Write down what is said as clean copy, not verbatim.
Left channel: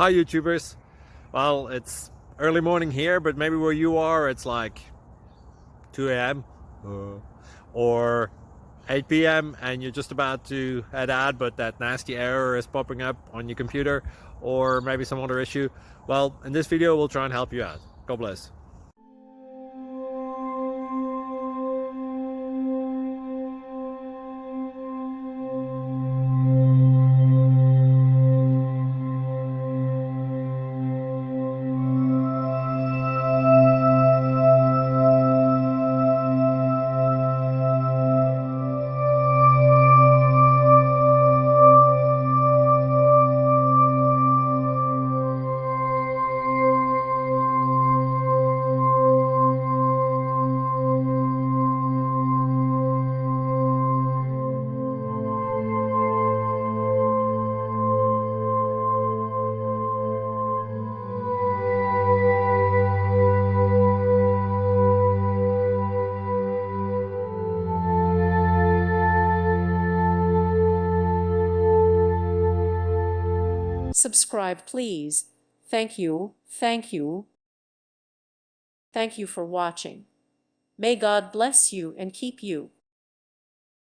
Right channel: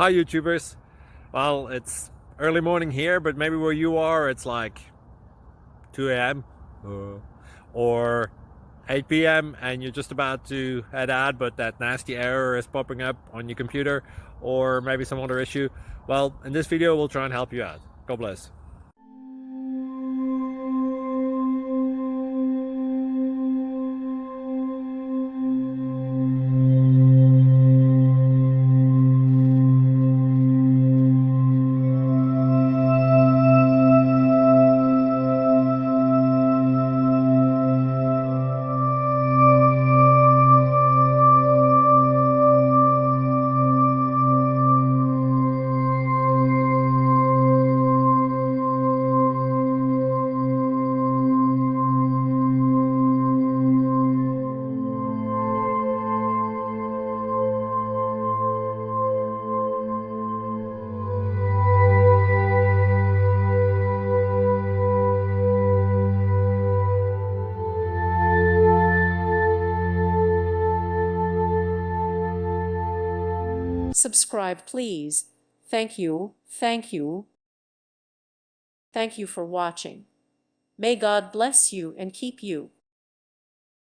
Hi YouTubers. Well, it's early morning here, but maybe where you are it's like 2 a.m. or 8 p.m. and you're just about to head out, but that nasty error is popping up on your computer, or maybe some other issue. Well, in this video we'll try and help you out. God bless. Subscribe, please. Thank you, thank you. Thank you for watching. May God bless you and keep you.